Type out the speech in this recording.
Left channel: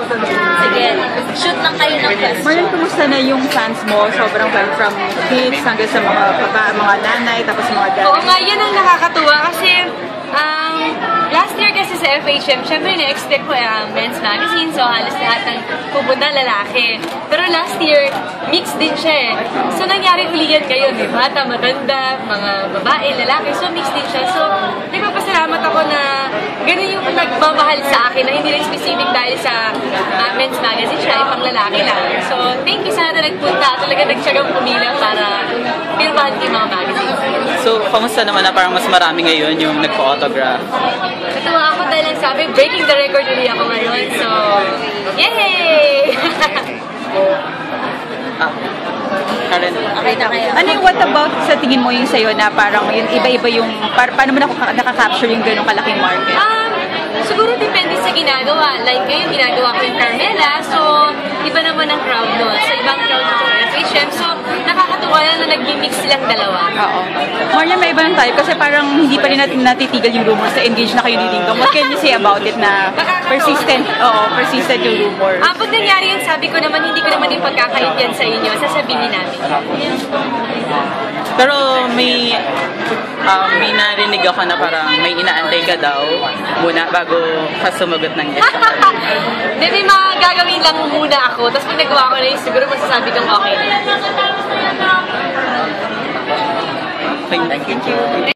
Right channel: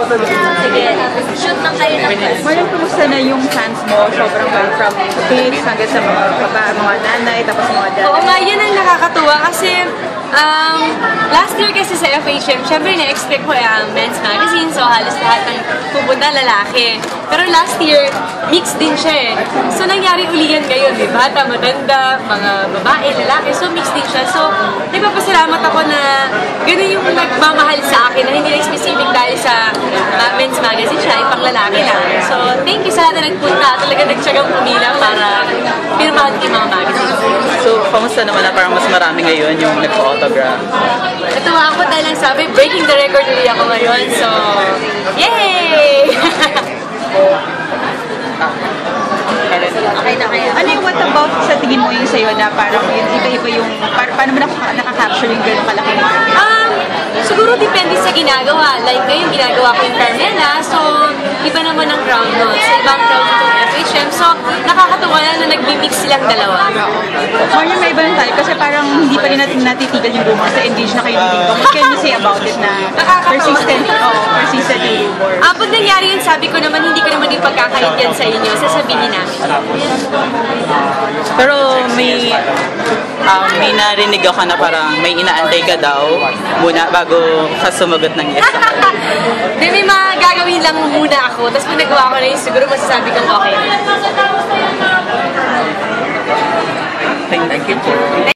Sige, shoot lang kayo ng question. Parang kumusta na yung fans mo? Sobrang from kids hanggang sa mga nanay, tapos mga dad. Oo nga, yun ang nakakatuwa kasi last year kasi sa FHM, syempre na-expect ko men's magazine, so halos lahat ng pupunta lalaki. Pero last year, mixed din siya eh. So nangyari ulihan ngayon, may bata, matanda, mga babae, lalaki, so mixed din siya. So nagpapasalamat ako na ganun yung nagmamahal sa akin, na hindi lang specific dahil sa men's magazine siya, pang lalaki lang. So thank you sa lahat na nagpunta, talaga nagtsagang pumila para pirmahan yung mga magazine. So, kamusta naman na parang mas marami ngayon yung nagpa-autograph? Natuwa ako dahil lang sabi, breaking the record ulit ako ngayon. So, yay! Okay na kaya. Ano yung what about sa tingin mo yung sa'yo na parang yun, iba-iba yung, paano mo nakaka-capture yung gano'ng kalaking market? Siguro depende sa ginagawa. Like ngayon, ginagawa ko yung Carmela. So, iba naman ang crowd nun. So, ibang crowd itong FHM. So, nakakatuwa na nag-mix silang dalawa. Maria, may iba lang tayo kasi parang hindi pa rin natin natitigil yung rumors na engaged na kayo ni Dingdong. What can you say about it na persistent yung rumors? Pag nangyari yun, sabi ko naman, hindi ko naman ipagkakait yan sa inyo. Sasabihin namin. Pero may narinig ako na parang may inaantay ka daw muna bago ka sumagot ng yes. May mga gagawin lang muna ako. Tapos pag nagawa ko na yun, siguro masasabi kong okay na. Thank you.